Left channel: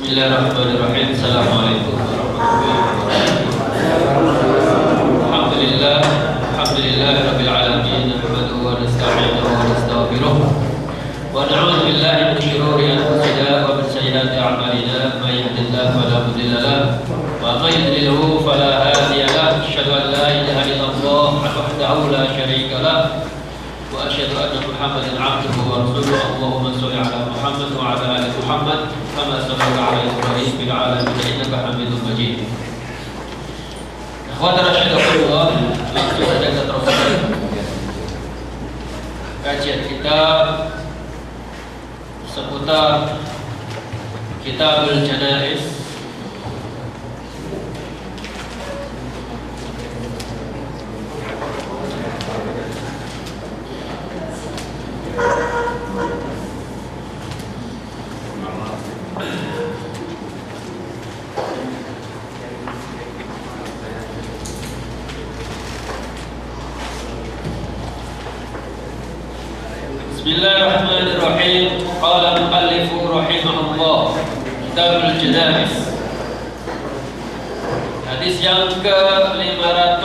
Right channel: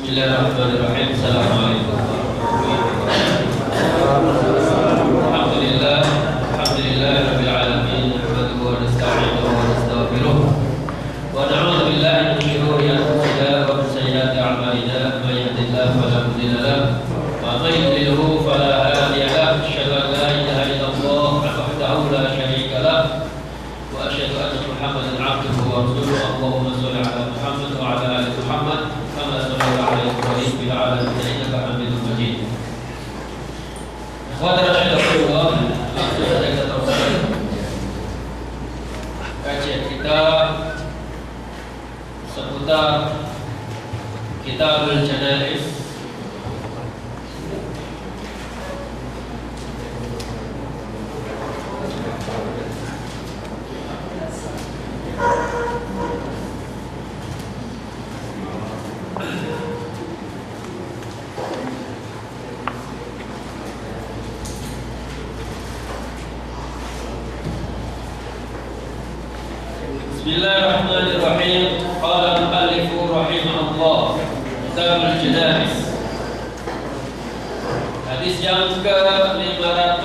Bismillahirrahmanirrahim. Assalamualaikum warahmatullahi wabarakatuh. Alhamdulillah rabbil alamin. Nahmaduhu wa nasta'inuhu wa nastaghfiruh. Wa na'udzu billahi min shururi anfusina wa min sayyiati a'malina. May yahdihillahu fala mudilla lahu wa may yudlilhu fala hadiya lahu. Asyhadu an la ilaha illallah wahdahu la syarika lahu wa asyhadu anna Muhammadan 'abduhu wa rasuluhu. Allahumma shalli 'ala Muhammad wa 'ala ali Muhammad kama shallaita 'ala Ibrahim fil 'alamin innaka Hamidum Majid. Ikhwatan rahimakumullah, langsung saja kita teruskan kajian kita seputar Kitabul Janaiz. Bismillahirrahmanirrahim. Qala al-muallifu rahimahullah, Kitabul Janaiz. Hadis yang ke-521,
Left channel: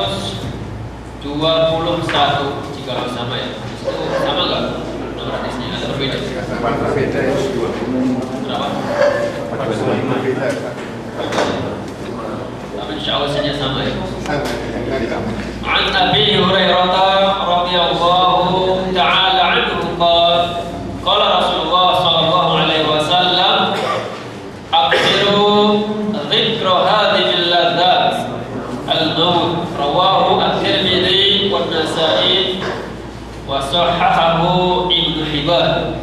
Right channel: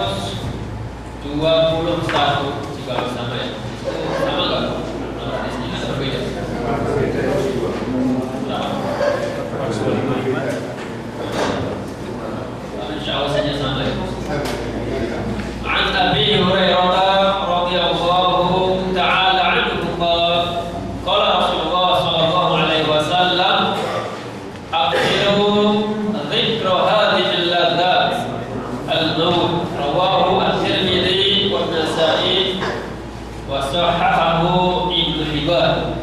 jika sama ya. Sama enggak? Nomor hadisnya ada berbeda. Berbeda itu Berapa? 45. Tapi insyaallah saja sama ya. An Abi Hurairah radhiyallahu ta'ala anhu qala qala Rasulullah sallallahu alaihi wasallam aqdiru dzikra hadhihi al-ladzat al-maut rawahu at-Tirmidzi wa an-Nasa'i wa sahahahu Ibnu Hibban.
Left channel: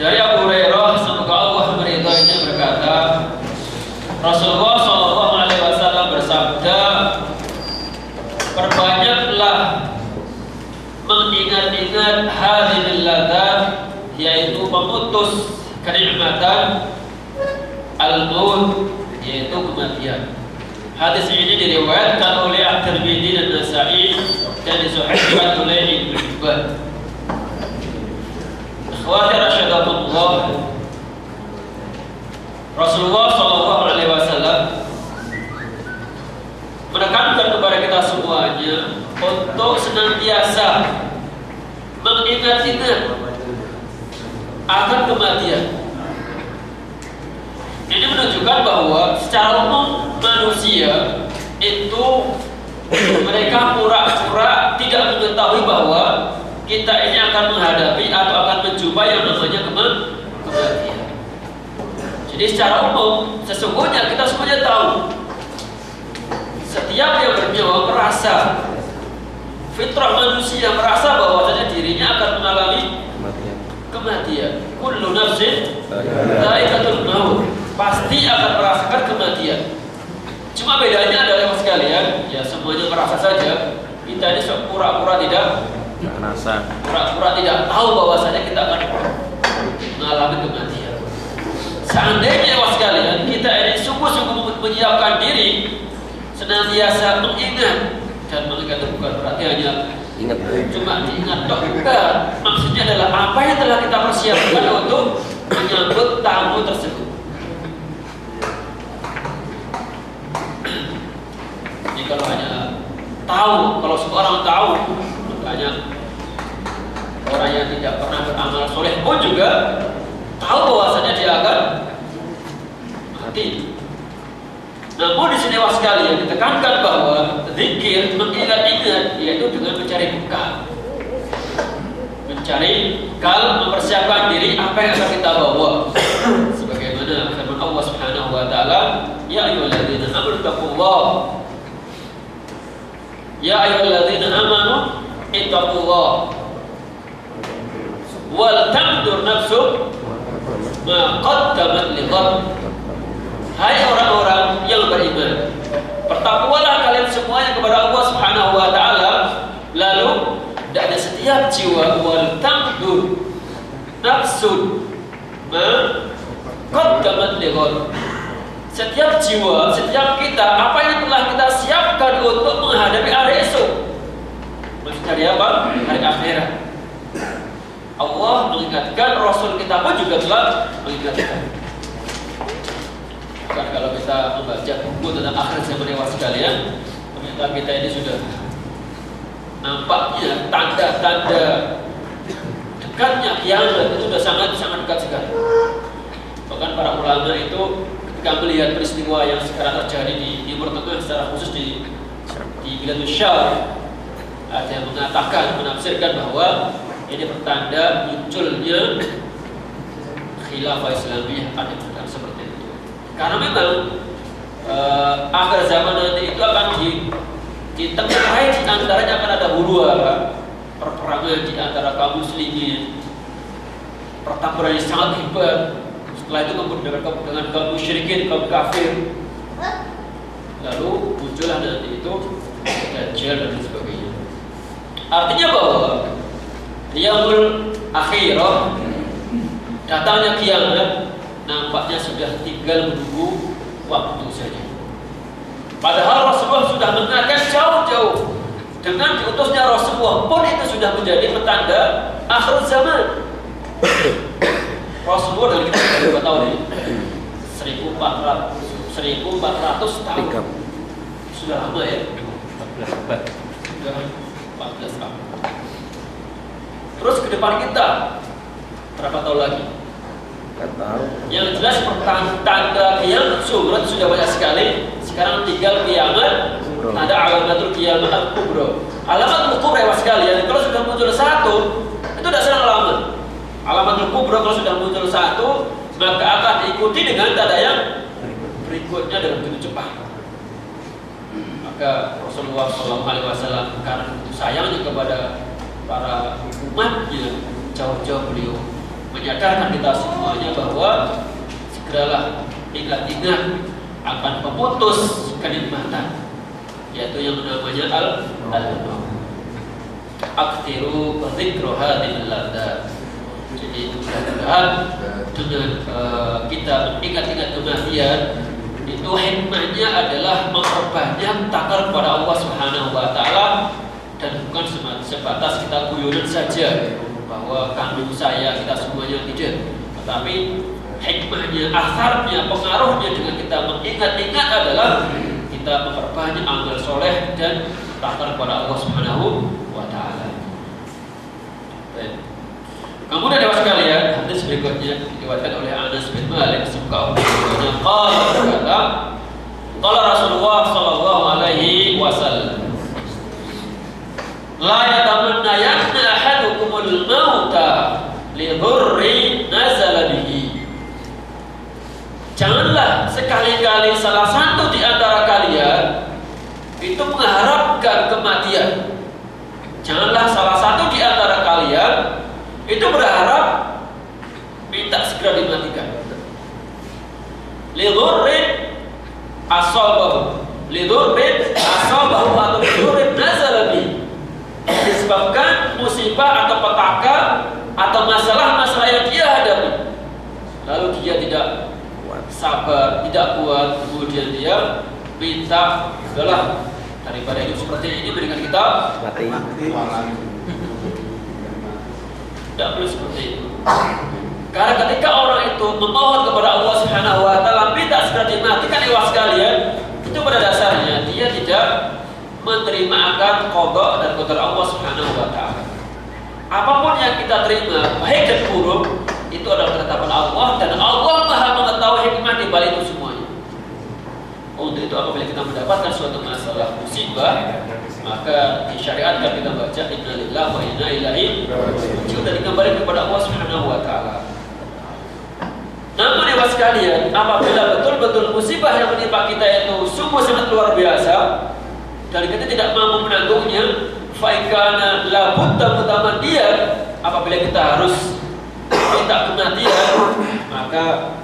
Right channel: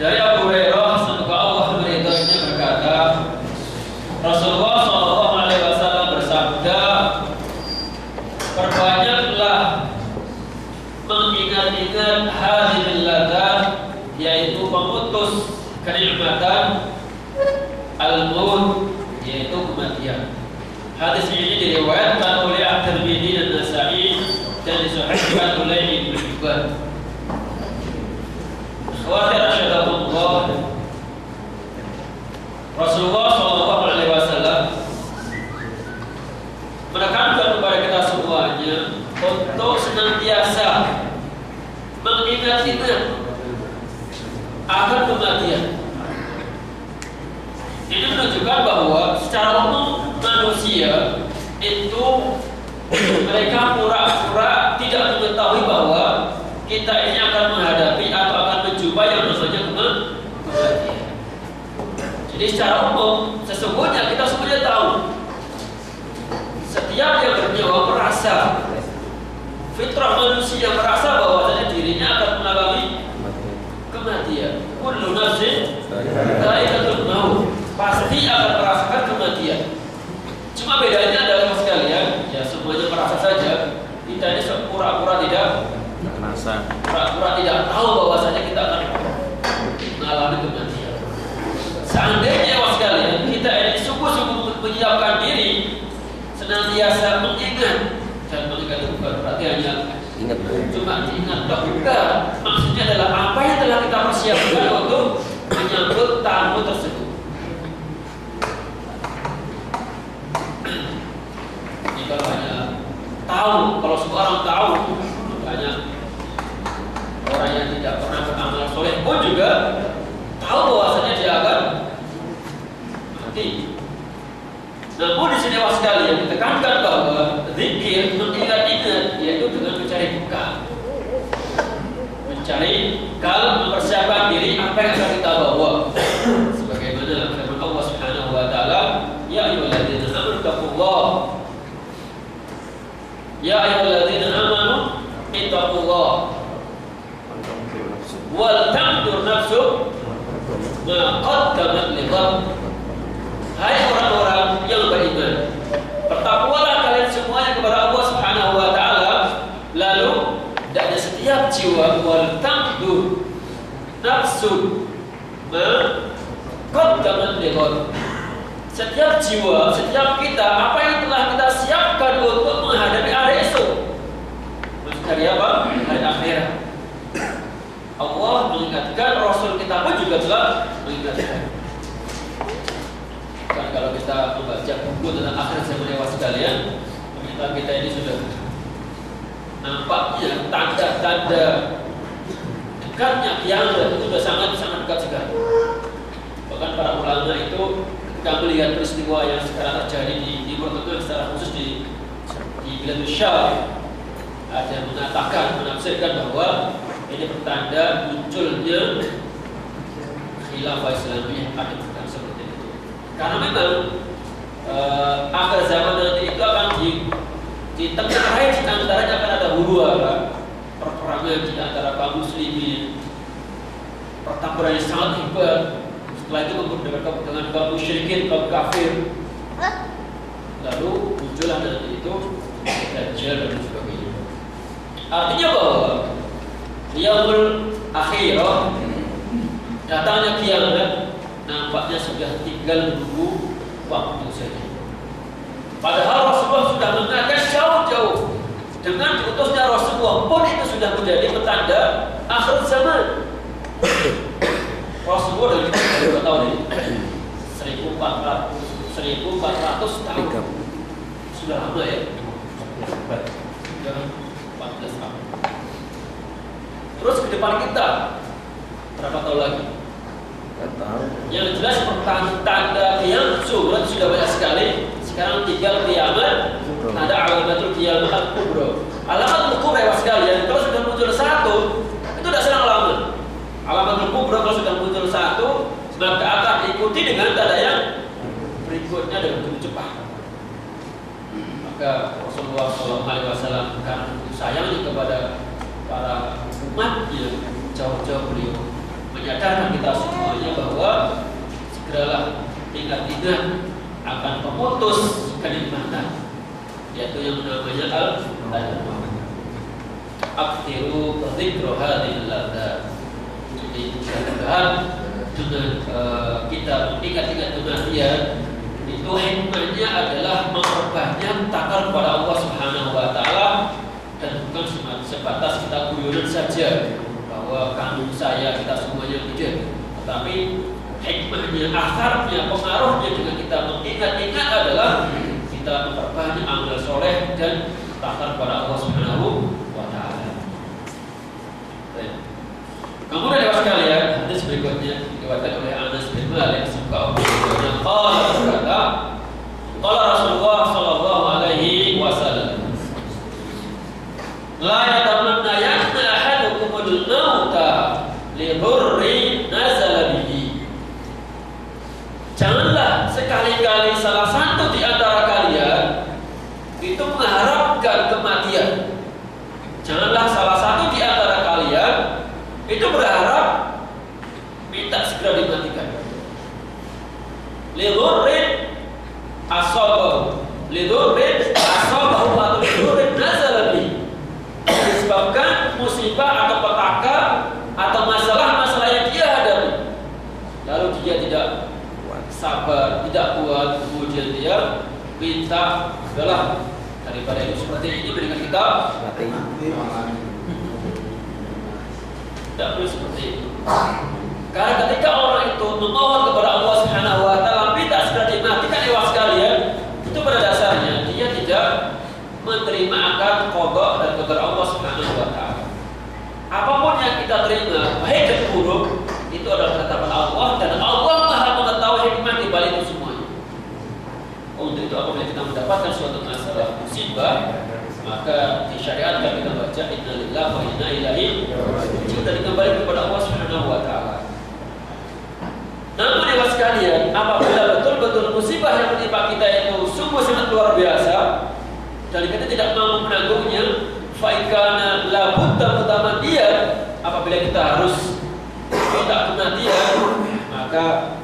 Dari Abu Hurairah, semoga Allah meridainya, berkata, Rasulullah sallallahu alaihi wasallam bersabda, perbanyaklah mengingat-ingat hadhil ladzat, yaitu memutus kenikmatan, al-maut, yaitu kematian. Hadis ini diriwayatkan oleh At-Tirmidzi dan Nasa'i dan disahihkan oleh Ibnu Hibban. Ikhwati rasyadakumullah, Rasulullah sallallahu alaihi wasallam menekankan kepada kita semuanya untuk senantiasa mengingat-ingat akan kematian. Ini menunjukkan bahwa secara umum manusia itu mereka pura-pura tidak mengetahui bahwa kita ini akan menghadapi atau akan menjumpai yang namanya kematian. Jadi secara umum sesungguhnya kita semuanya tahu, setiap yang bernyawa merasa, fitrah manusia merasa bahwasanya dirinya akan mengalami kematian. Kullu nafsin dha'iqatul maut, pasti akan merasakan kematian. Cuma bedanya adalah sekalian, ya semuanya merasa saja. Kita ini pura-pura tidak merasa, pura-pura tidak tahu bahwasanya kita akan mengalami kematian. Seandainya sekalian kita ini sungguh-sungguh menyiapkan diri, senantiasa mengingat, dan mengingat itu bukan berarti hanya ingat, cuma diingat dok, bukan. Maksudnya adalah apa yang telah kita persiapkan untuk menyambut tamu tersebut. Jadi kalau hanya tahu, kalau seorang tahu, makanya orang yang tidak pernah beramal soleh pun juga tahu bahwasanya dia akan mati. Namun di sini sekalian ditekankan bahwa zikir, mengingat-ingat, yaitu dengan mencari bekal. Mencari bekal, mempersiapkan diri apa yang akan kita bawa. Sebagaimana firman Allah Subhanahu wa taala, ya ayyuhalladzina amanu taqullah. Ya ayyuhalladzina amanu ittaqullah. Wal tanzur nafsum ma qaddamat lighad. Hai orang-orang yang beriman, bertakwalah kalian semuanya kepada Allah Subhanahu wa taala, lalu hendaknya setiap jiwa wal tanzur nafsun ma qaddamat lighad. Setiap jiwa, setiap kita, apa yang telah kita siapkan untuk menghadapi hari esok. Maksud hari apa? Hari akhirat. Allah mengingatkan, Rasul kita pun juga telah mengingatkan. Kan kalau kita membaca buku tentang akhir zaman dewa sekalian, ternyata kita ini sudah nampaknya tanda-tanda dekatnya kiamat itu sudah sangat dekat sekali. Bahkan para ulama itu ketika melihat peristiwa yang sekarang terjadi di Timur Tengah, secara khusus di Biladus Syam, ada yang mengatakan, menafsirkan bahwa ini pertanda munculnya khilafah Islamiyah, ada pertanda seperti itu. Karena memang akhir zaman nanti itu akan ditengarai, di antaranya akan ada huru-hara, perperangan di antara kaum muslimin, pertempuran yang sangat hebat. Setelah itu kemudian dengan kaum musyrikin, kaum kafir. Lalu muncullah nanti itu Dajjal dan sebagainya. Artinya bahwa yaumul akhirah, datangnya kiamat, nampaknya sudah tinggal menunggu waktu saja. Padahal Rasulullah sudah mengatakan jauh-jauh, dengan diutusnya Rasulullah pun itu sudah menjadi petanda akhir zaman. Rasulullah dari kita berapa tahun ini? 1400 tahun. Sudah lama ya? Sudah 14 tahun. Terus ke depan kita berapa tahun lagi? Gak tahu. Yang jelas tanda kiamat surat sudah banyak sekali. Sekarang tinggal kiamat. Ada alamatul kiamat al-kubra. Alamatul kubra sekalian, kalau sudah muncul satu, itu tidak serang lama. Alamatul kubra kalau sudah muncul satu, maka akan diikuti dengan tanda yang berikutnya dengan begitu cepat. Maka Rasulullah SAW karena sayangnya kepada para umatnya, jauh-jauh beliau menyadarkan kita semuanya bahwa segeralah ingat-ingat akan pemutus kenikmatan, yaitu yang namanya al-maut. Aktiru dzikra hadhil ladat. Jadi mudah-mudahan dengan kita ingat-ingat kematian itu hikmahnya adalah memperbanyak takar kepada Allah Subhanahu wa taala, dan bukan sebatas kita guyonan saja bahwa kandung saya, kita semuanya, tidak. Tetapi hikmahnya, asarnya, pengaruhnya dengan kita mengingat-ingat adalah kita memperbanyak amal soleh dan takar kepada Allah Subhanahu wa taala. Kemudian dewa sekalian, hadis berikutnya diriwayatkan oleh Anas bin Malik semoga Allah berkata, qala Rasulullah sallallahu alaihi wasallam, la yatamannayanna ahadukumul mauta li dhurri nazala bihi. Janganlah sekali-kali salah satu di antara kalian itu mengharapkan kematian. Janganlah salah satu di antara kalian itu berharap minta segera dimatikan. Lidhurrin asabahu, lidhurrin asabahu atau lidhurrin nazala bihi, disebabkan musibah atau petaka atau masalah-masalah yang dia hadapi, lalu dia tidak sabar, tidak kuat, kemudian dia minta udahlah daripada hidup seperti ini mendingan kita mati. Tidak perlu seperti itu. Karena ketika orang itu memohon kepada Allah Subhanahu wa taala minta segera dimatikan dewa sekalian, itu pada dasarnya dia tidak menerima akan qada dan qadar Allah Subhanahu wa taala. Apapun yang kita terima, baik dan buruk, itu adalah ketetapan Allah, dan Allah Maha mengetahui hikmah di balik itu semuanya. Untuk itu apabila kita mendapatkan suatu masalah musibah, maka disyariatkan kita baca inna lillahi wa inna ilaihi raji'un, dan kembali kepada Allah Subhanahu wa taala. Namun dewa sekalian, apabila betul-betul musibah yang menimpa kita itu sungguh sangat luar biasa dan kita tidak mampu menanggungnya, fa ikana la budda mutamandiyan, apabila kita harus minta kematian, maka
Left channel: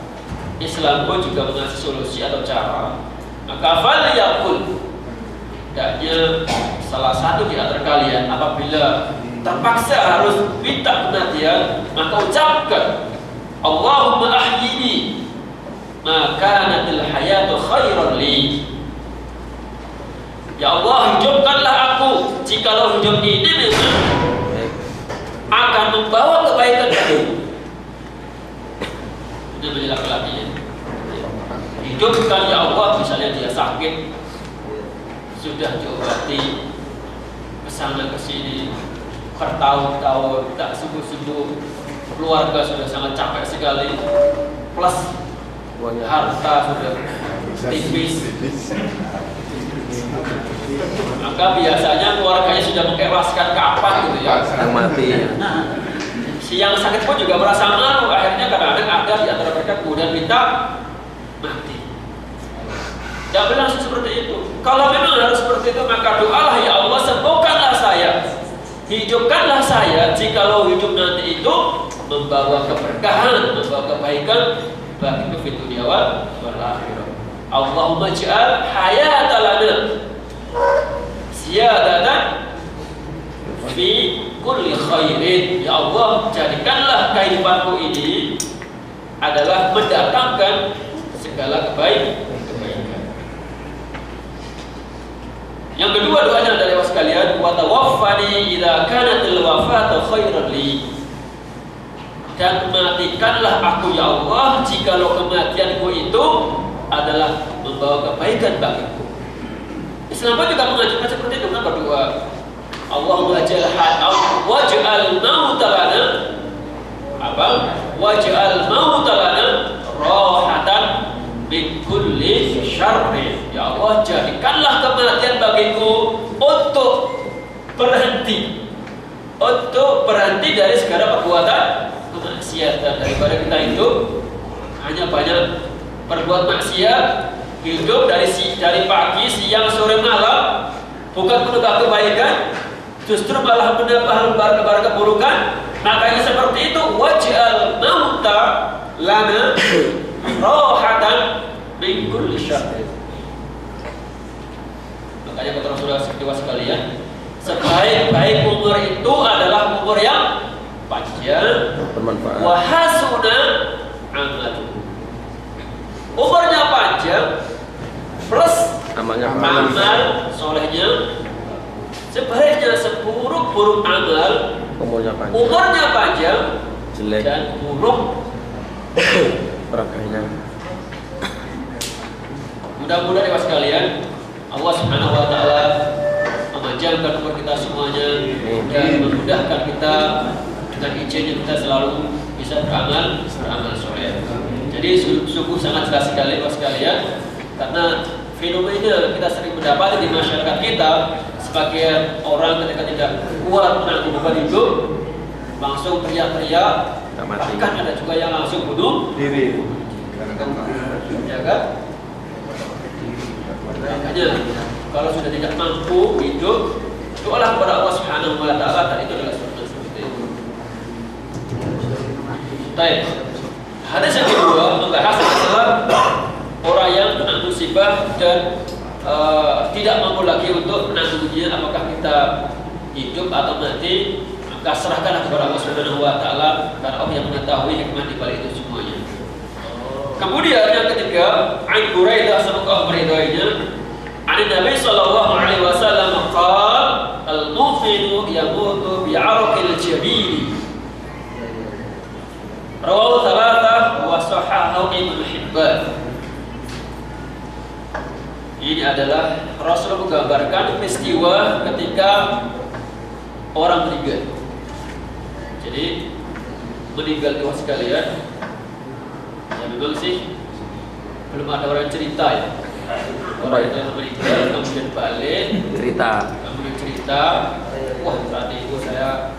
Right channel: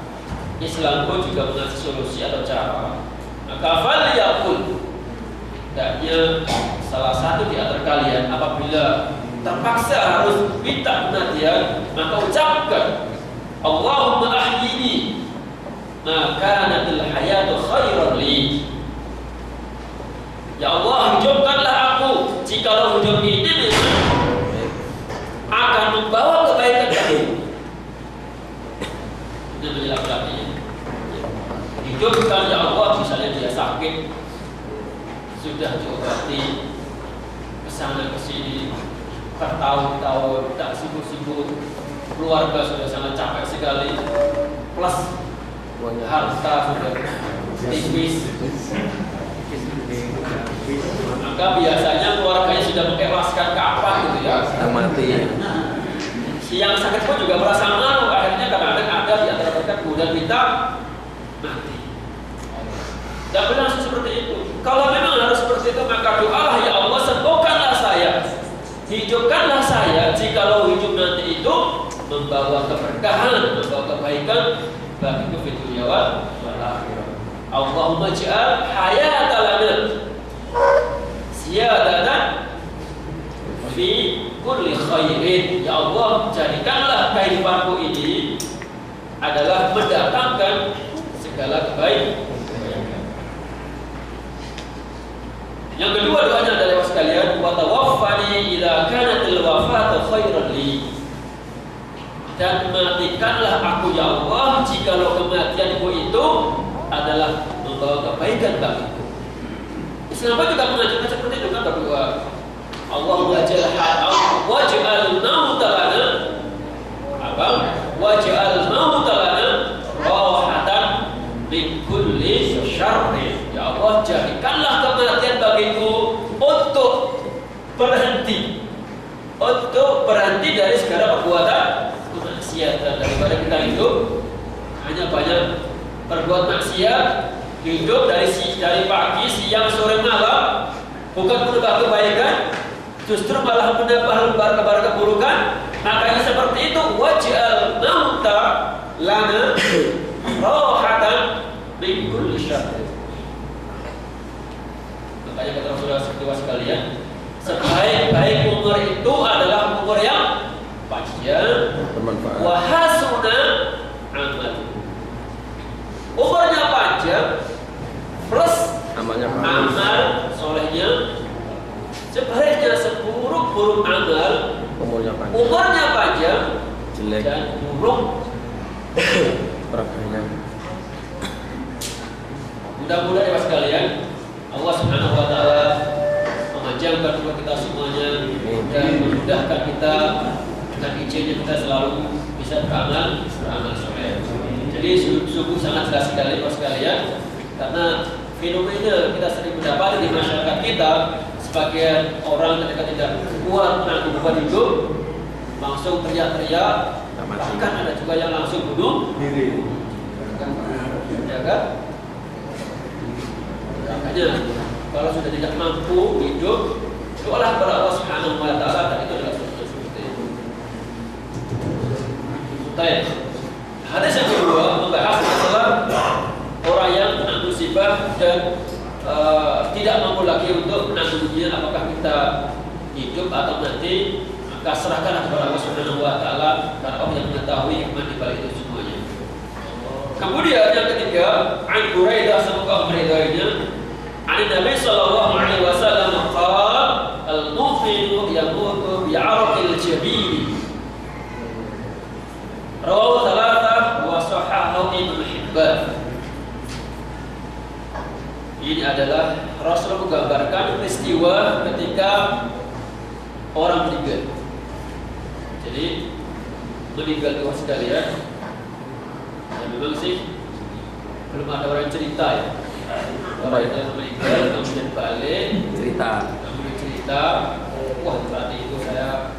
Islam pun juga mengasih solusi atau cara. Maka fal yaqul, hendaknya salah satu di antara kalian apabila terpaksa harus minta kematian, maka ucapkan Allahumma ahyini ma kanatil hayatu khairan li. Ya Allah, hidupkanlah aku jikalau hidup ini memang akan membawa kebaikan bagiku. Ini menjelaskan laki-laki. hidupkan ya Allah. Misalnya dia sakit, sudah diobati kesana kesini bertahun-tahun tak sembuh-sembuh, keluarga sudah sangat capek sekali, plus harta sudah tipis, maka biasanya keluarganya sudah mengikhlaskan kapan gitu ya, mati. Si yang sakit pun juga merasa malu. Akhirnya kadang-kadang ada di antara mereka kemudian minta mati. Tidak berlangsung seperti itu. Kalau memang harus seperti itu, maka doalah, ya Allah sembuhkanlah saya, hidupkanlah saya. Jikalau hidup nanti itu membawa keberkahan, membawa kebaikan bagi kita dunia wal akhirah. Allahumma ja'al hayatalana ziyadatan fi kulli khairin. Ya Allah, jadikanlah kehidupanku ini adalah mendatangkan segala kebaikan. Yang kedua doanya adalah sekalian, wa tawaffani idza kanatil wafatu khairan li. Dan matikanlah aku ya Allah jikalau kematianku itu adalah membawa kebaikan bagiku. Islam pun juga mengajarkan seperti itu kan berdoa. Allahumma waj'al mauta lana apa? Waj'al mauta lana rahatan min kulli syarrin. Ya Allah, jadikanlah kematian bagiku untuk berhenti dari segala perbuatan kemaksiatan, daripada kita hidup hanya banyak berbuat maksiat, hidup dari pagi, siang, sore, malam, bukan menambah kebaikan, justru malah menambah lembar-lembar keburukan. Makanya seperti itu, waj'al mauta lana rahatan min kulli syarrin. Makanya kata Rasulullah SAW sekalian, sebaik-baik umur itu adalah umur yang panjang, bermanfaat, wa hasuna amal. Umurnya panjang plus amalnya amal solehnya. Sebaliknya seburuk-buruk amal, umurnya panjang jelek dan buruk perakainya. Mudah-mudahan ya sekalian, Allah Subhanahu wa taala memanjangkan umur kita semuanya dan memudahkan kita dengan izinnya kita selalu bisa beramal soleh. Jadi sungguh sangat jelas sekali Bapak sekalian, karena fenomena kita sering mendapati di masyarakat kita, sebagian orang ketika tidak kuat menanggung beban hidup langsung teriak-teriak, bahkan ada juga yang langsung bunuh diri. Ya kan? Makanya kalau sudah tidak mampu hidup, doalah kepada Allah Subhanahu wa taala, dan itu adalah seperti itu. Baik. Hadis yang kedua membahas masalah orang yang kena musibah dan tidak mampu lagi untuk menanggungnya, apakah kita hidup atau mati, maka serahkanlah kepada Allah Subhanahu wa taala, karena Allah yang mengetahui hikmah di balik itu semuanya. Kemudian yang ketiga, An Buraidah, semoga Allah meridainya, an Nabi sallallahu alaihi wasallam qala al-mu'minu yamutu bi'araqil jabin. Rawahu thalatha wa sahahahu Ibnu Hibban. Ini adalah Rasul menggambarkan peristiwa ketika orang meninggal. Jadi meninggal itu sekalian, ya memang sih belum ada orang cerita ya. Orang itu yang meninggal kemudian balik cerita, wah saat itu saya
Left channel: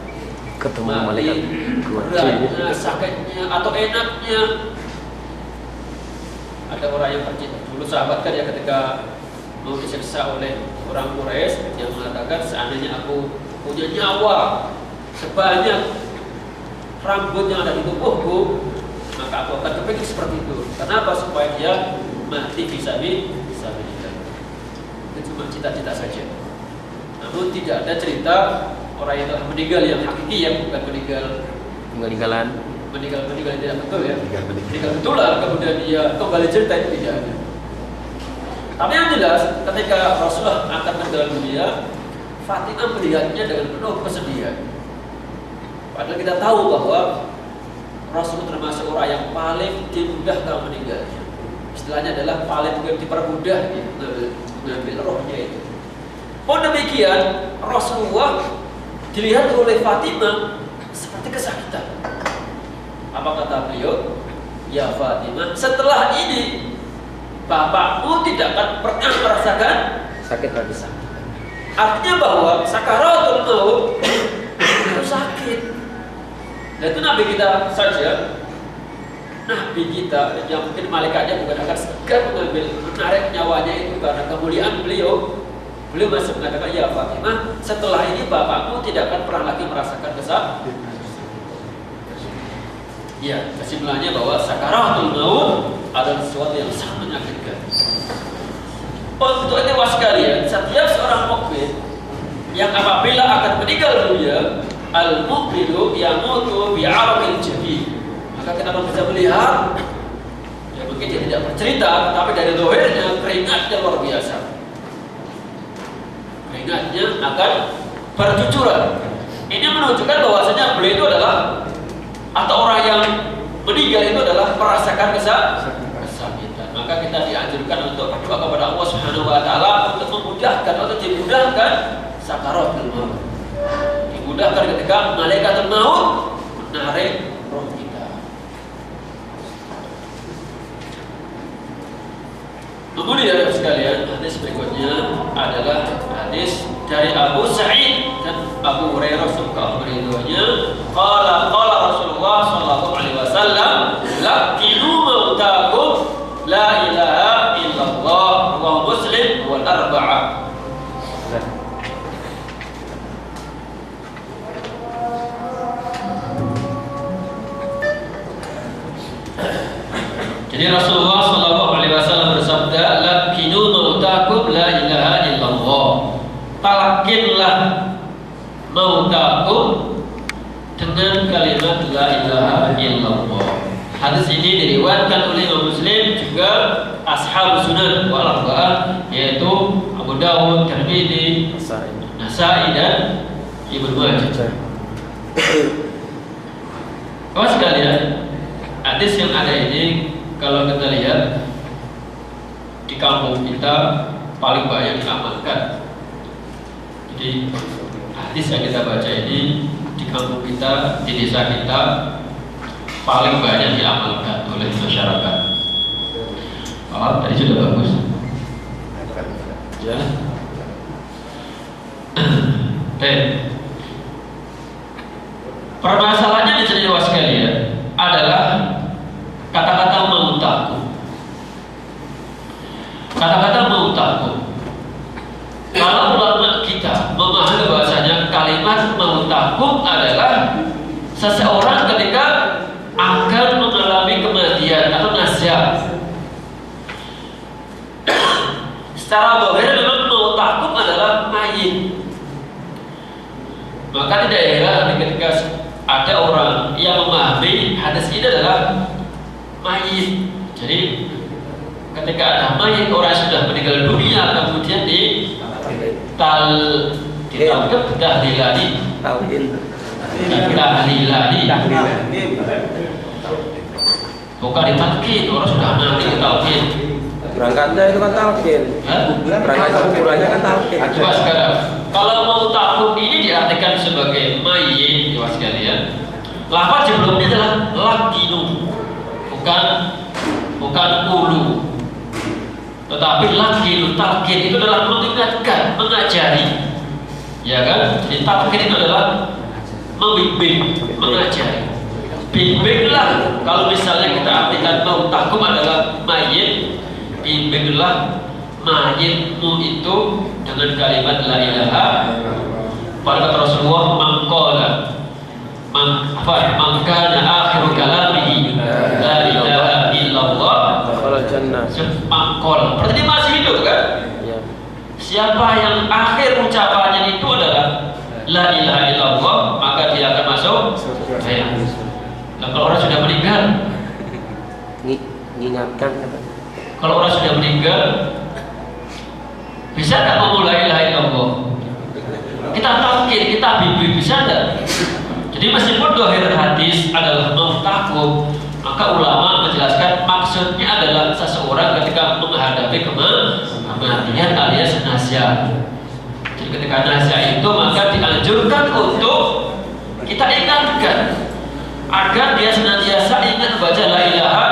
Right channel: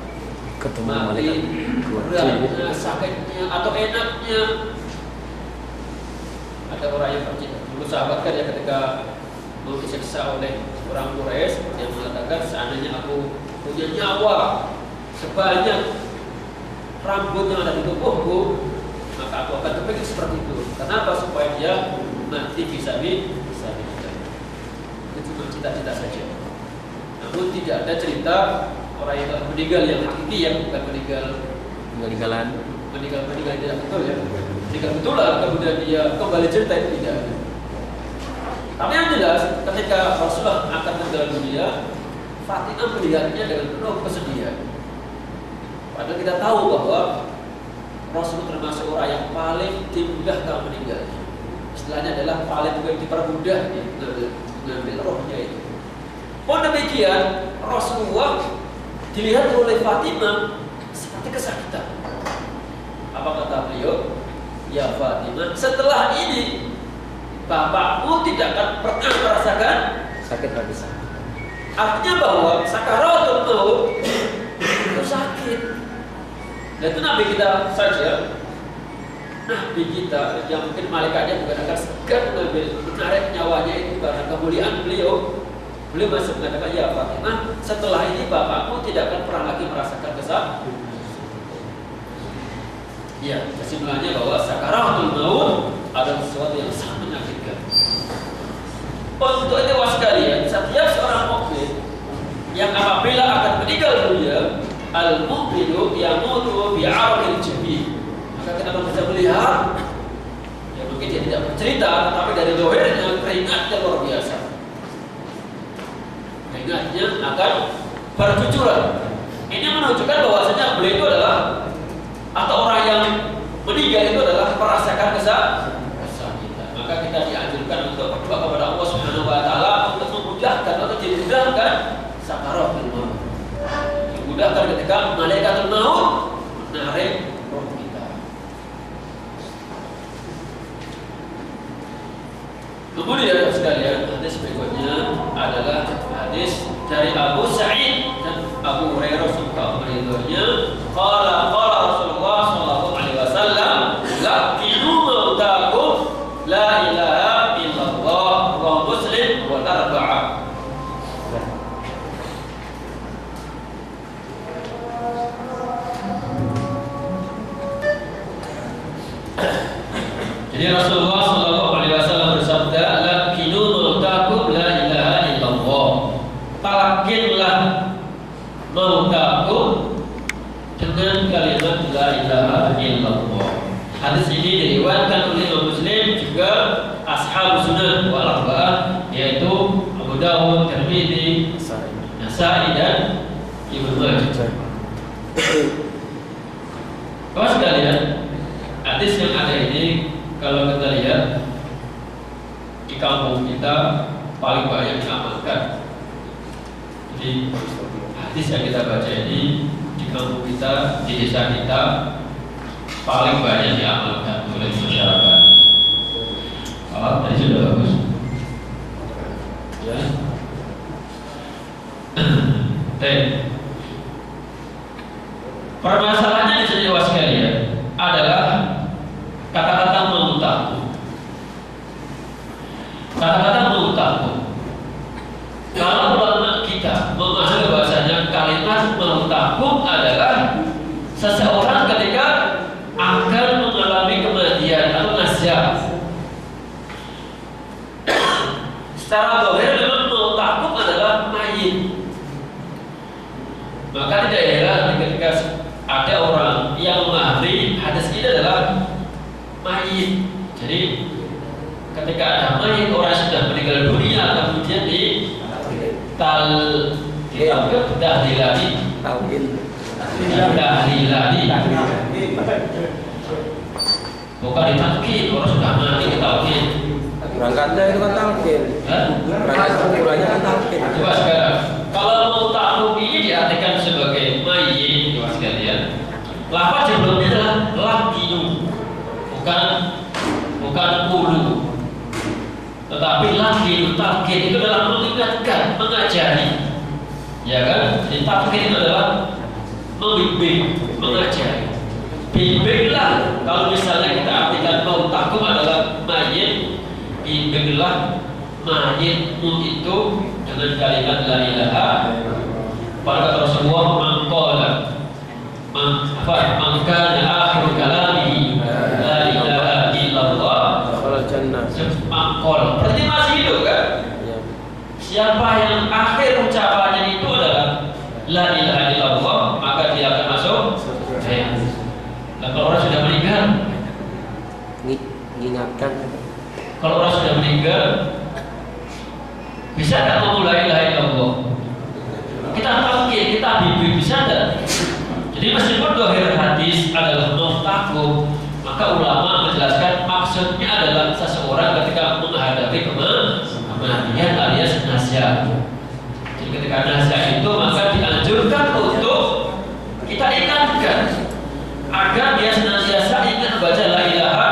ketemu mati, malaikat beratnya, sakitnya atau enaknya. Ada orang yang bercerita dulu, sahabat kan ya, ketika mau disiksa oleh orang Quraisy yang mengatakan, seandainya aku punya nyawa sebanyak rambut yang ada di tubuhku, maka aku akan kepingin seperti itu. Kenapa? Supaya dia mati fisabilillah. Itu cuma cita-cita saja. Namun tidak ada cerita orang yang telah meninggal yang hakiki, yang bukan meninggal tidak betul ya. Meninggal betulan kemudian dia kembali cerita, itu tidak ada. Tapi yang jelas ketika Rasulullah akan meninggal dunia, Fatimah melihatnya dengan penuh kesedihan. Padahal kita tahu bahwa Rasul termasuk orang yang paling dimudahkan meninggalnya. istilahnya adalah paling dipermudah ya, mengambil rohnya itu. Oh demikian Rasulullah dilihat oleh Fatimah seperti kesakitan. Apa kata beliau? Ya Fatimah, setelah ini bapakmu tidak akan pernah merasakan sakit lagi. Artinya bahwa sakaratul maut itu sakit. Dan itu Nabi kita saja, Nabi kita yang mungkin malaikatnya bukan akan segan mengambil menarik nyawanya itu karena kemuliaan beliau. Beliau masih mengatakan, ya Fatimah, setelah ini bapakmu tidak akan pernah lagi merasakan kesakitan. Ya, kesimpulannya bahwa sakaratul maut adalah sesuatu yang sangat menyakitkan. Untuk itu sekalian, setiap seorang mukmin yang apabila akan meninggal dunia, al-mu'minu yamutu bi'araqil jabin. Maka kita bisa melihat, ya mungkin dia tidak bercerita, tapi dari lahirnya keringatnya luar biasa. Keringatnya akan bercucuran. Ini menunjukkan bahwasanya beliau itu adalah atau orang yang meninggal itu adalah merasakan kesakitan. Maka kita dianjurkan untuk berdoa kepada Allah Subhanahu wa taala untuk memudahkan atau dimudahkan sakaratul maut. Dimudahkan ketika malaikatul maut menarik roh kita. Kemudian sekalian, hadis berikutnya adalah hadis dari Abu Sa'id dan Abu Hurairah semoga ridhonya. Qala Rasulullah sallallahu alaihi wasallam, laqinu mautakum la ilaha illallah wa Muslim wal arba'ah. Jadi Rasulullah sallallahu alaihi wasallam bersabda, laqinu mautakum la ilaha illallah. Talqinlah mautakum dengan kalimat la ilaha illallah. Hadis ini diriwayatkan oleh Imam Muslim juga Ashabus Sunan wal Arba'ah, yaitu Abu Dawud, Tirmidzi, Nasa'i dan Ibnu Majah. Kawan sekalian, hadis yang ada ini kalau kita lihat di kampung kita paling banyak diamalkan. Jadi hadis yang kita baca ini di kampung kita, di desa kita paling banyak diamalkan oleh masyarakat. Oh, tadi sudah bagus. Ya. Permasalahannya di sini sekalian adalah kata-kata mautaku. Kata-kata mautaku. Kalau ulama kita memahami bahwasanya kalimat mautaku adalah seseorang ketika akan mengalami kematian atau nazar. Secara zahir memang mautakum adalah mayit. Maka tidak heran ketika ada orang yang memahami hadis ini adalah mayit. Jadi ketika ada mayit, orang sudah meninggal dunia kemudian bukan ditalqin, orang sudah mati ditalqin. Berangkatnya itu kan talqin. Berangkat kuburannya kan talqin. Coba sekarang, kalau mau tahu ini diartikan sebagai mayit, coba sekalian. Lafaz sebelumnya adalah laqinu, bukan ulu. Tetapi laqinu, talqin itu adalah mengingatkan, mengajari. Ya kan? Jadi talqin itu adalah membimbing, mengajari. Bimbinglah. Kalau misalnya kita artikan mautakum adalah mayit, bimbinglah mayitmu itu dengan kalimat la ilaha. Pada kata Rasulullah, mangkana akhiru kalamihi la ilaha illallah Kalau jannah. Mangkol. Berarti masih hidup kan? Ya. Siapa yang akhir ucapannya itu adalah la ilaha illallah, maka dia akan masuk surga. Nah, kalau orang sudah meninggal, Mengingatkan. kalau orang sudah meninggal, bisa tak ngomong la ilaha illallah? Kita talqin, kita bimbing, bisa tak? Jadi meskipun dohir hadis adalah mautakum, Maka ulama menjelaskan maksudnya adalah seseorang ketika menghadapi kematian alias nasya. Jadi ketika nasya itu maka dianjurkan untuk kita ingatkan agar dia senantiasa ingat baca la ilaha,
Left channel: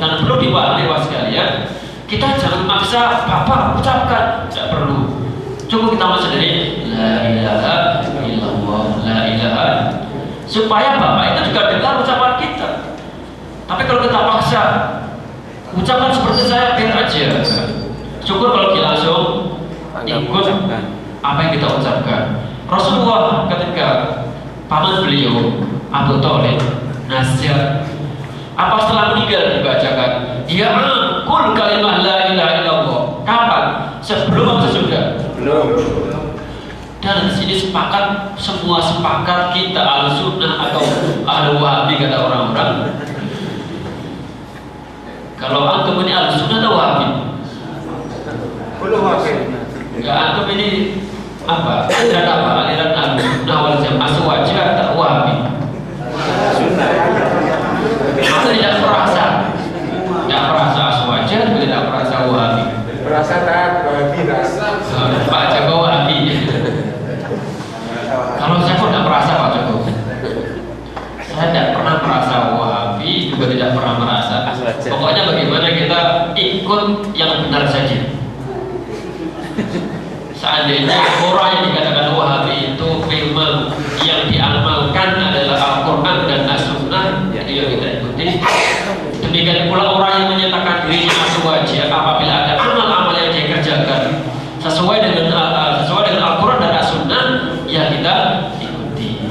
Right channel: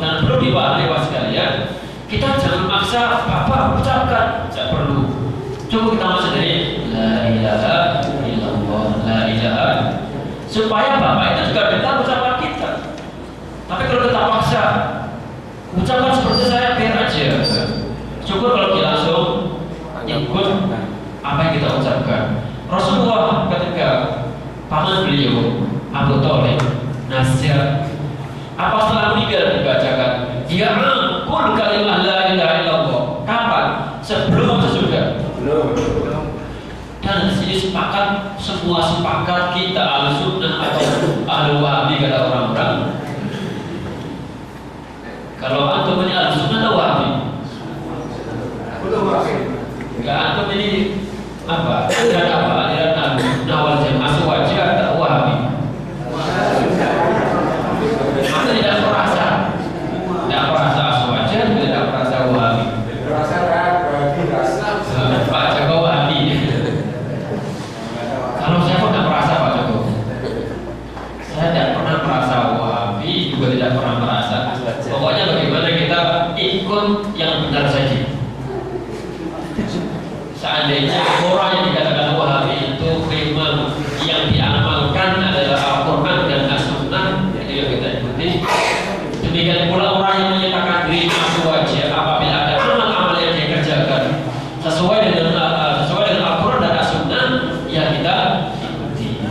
dan perlu dipahami Bapak sekalian, kita jangan maksa Bapak ucapkan, tidak perlu. Cukup kita mau sendiri la ilaha illallah, la ilaha, supaya Bapak itu juga dengar ucapan kita. Tapi kalau kita paksa ucapan seperti saya biar aja, syukur kalau kita langsung ikut apa yang kita ucapkan. Rasulullah ketika paman beliau Abu Thalib nasihat, apa setelah meninggal dibacakan? Ya kul kalimah la ilaha illallah. Kapan? Sebelum atau sesudah? Belum. Dan di sini sepakat, semua sepakat kita Ahlussunnah atau Ahlu Wahabi kata orang-orang. Kalau antum ini Ahlussunnah atau Wahabi? Enggak, antum ini apa? Aliran apa? Aliran Ahlussunnah wal Jamaah Aswaja atau Wahabi? Aku tidak merasa Aswaja, tidak merasa Wahabi. Merasakan bagi rasa. Pak Joko Wahabi. Kalau saya pun tidak merasa Pak Joko. Saya tidak pernah merasa Wahabi, juga tidak pernah merasa. Pokoknya bagaimana kita ikut yang benar saja. Seandainya orang yang dikatakan Wahabi itu memang yang diamalkan adalah Al-Quran dan As-Sunnah, itu yang kita ikuti. Demikian pula orang yang menyatakan dirinya Aswaja, apabila ada amal-amal yang dia kerjakan sesuai dengan Al-Quran dan As-Sunnah, ya kita ikuti.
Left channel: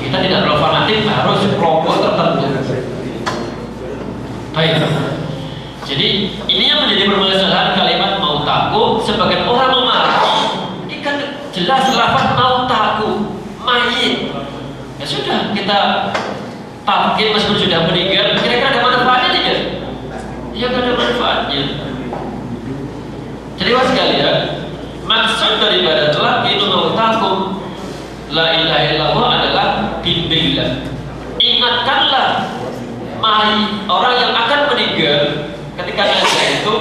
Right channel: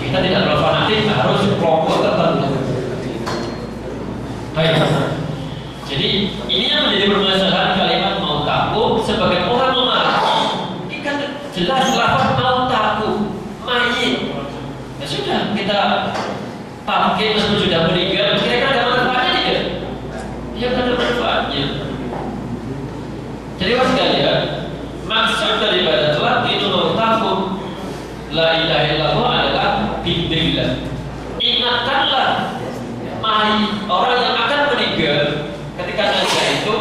Kita tidak terlalu fanatik harus kelompok tertentu. Baik. Jadi ini yang menjadi permasalahan kalimat mau takut. Sebagian orang memahami ini kan jelas lafaz mau takut mayit. Ya sudah, kita takkir meskipun sudah meninggal. Kira-kira ada manfaatnya tidak? Ya tidak ada manfaatnya. Jadi Bapak sekalian, maksud daripada talqinu mautakum la ilaha illallah adalah bimbinglah, ingatkanlah orang yang akan meninggal ketika nasya itu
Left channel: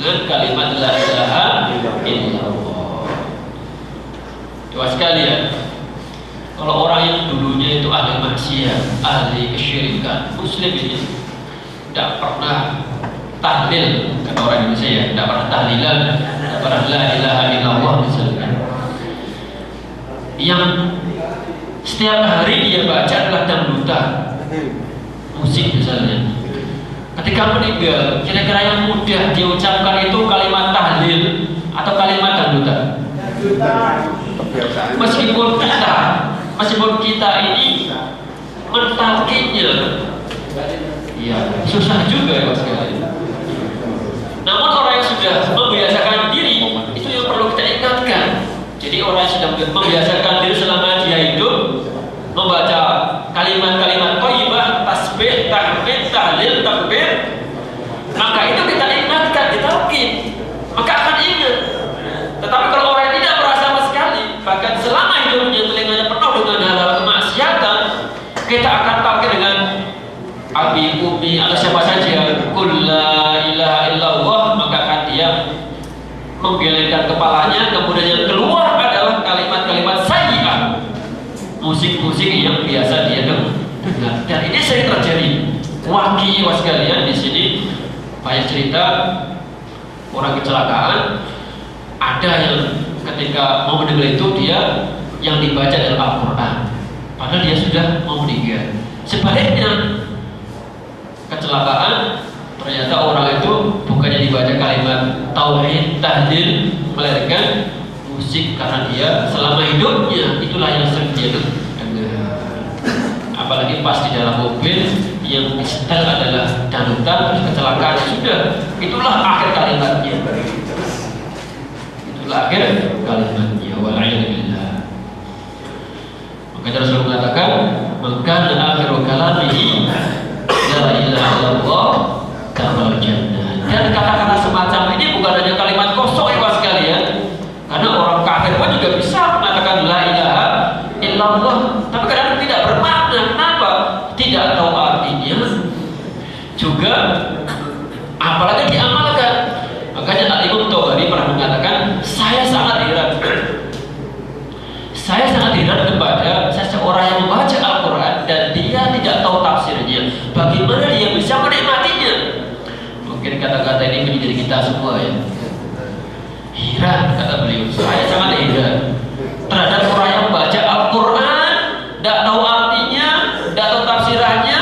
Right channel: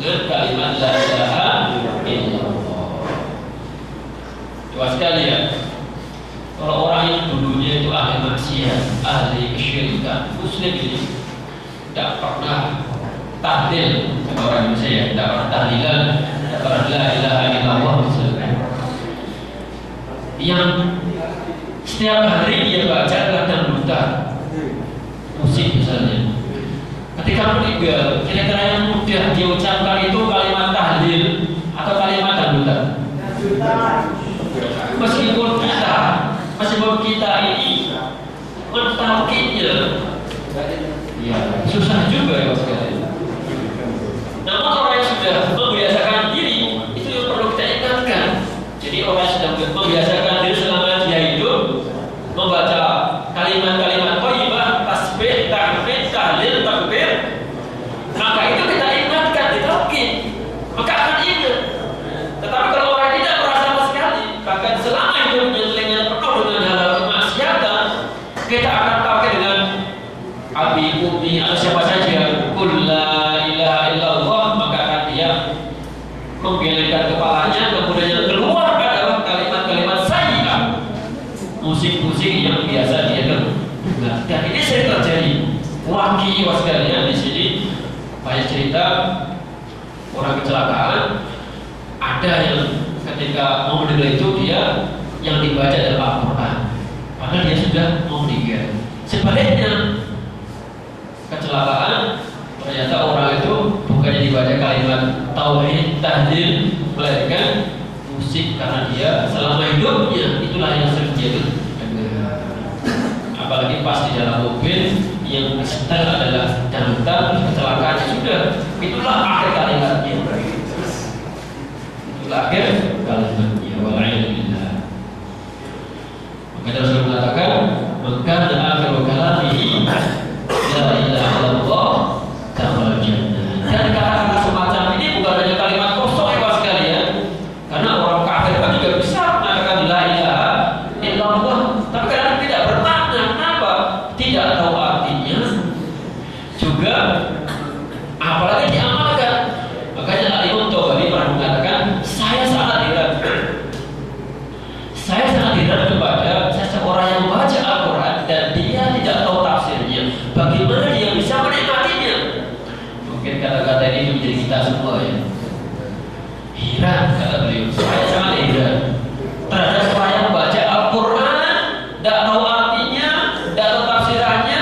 dengan kalimat la ilaha illallah. Bapak sekalian, kalau orang yang dulunya itu ahli maksiat, ahli kesyirikan, muslim ini tidak pernah tahlil, kata orang Indonesia ya, tidak pernah tahlilan, tidak pernah la ilaha illallah misalnya, yang setiap hari dia baca adalah dangdutan, musik misalnya. Ketika meninggal, kira-kira yang mudah diucapkan itu kalimat tahlil atau kalimat dangdutan? Meskipun kita ini mentalkinnya, ya susah juga ya sekali. Namun orang yang sudah membiasakan diri itu yang perlu kita ingatkan. Jadi orang yang sudah membiasakan diri selama dia hidup membaca kalimat-kalimat thayyibah, tasbih, tahmid, tahlil, takbir, maka itu kita ingatkan, ditalkin, maka akan ingat. Tetapi kalau orang yang tidak merasa sama sekali, bahkan selama hidupnya telinganya penuh dengan hal-hal kemaksiatan, kita akan pakai dengan abi, umi, atau siapa saja, qul la ilaha illallah, maka akan dia menggelengkan kepalanya, kemudian yang keluar adalah kalimat-kalimat sayyi'ah, musik-musik yang biasa dia dengar. Dan ini sering terjadi. Waki sekalian di sini banyak cerita orang kecelakaan, ada yang ketika mau mendengar itu dia yang dibaca adalah Al-Quran, padahal dia sudah mau meninggal. Sebaliknya kecelakaan, ternyata orang itu bukannya dibaca kalimat tauhid, tahlil, melainkan musik, karena dia selama hidupnya itulah yang sering dia dengar. Apalagi pas di dalam mobil yang disetel adalah dangdutan, kecelakaan, sudah itulah akhir kalimatnya. Itulah akhir kalimatnya. Wal'iyadzubillah. Maka Rasul mengatakan, maka akhiru kalamihi la ilaha illallah dakhala jannah. Dan kata-kata semacam ini bukan hanya kalimat kosong ya Pak sekalian, karena orang kafir pun juga bisa mengatakan la ilaha illallah, tapi kadang tidak bermakna. Kenapa? Tidak tahu artinya. Mungkin kata-kata ini menjadi kita semua ya. Heran kata beliau, saya sangat heran terhadap orang yang baca Al-Quran, tidak tahu artinya, tidak tahu tafsirannya,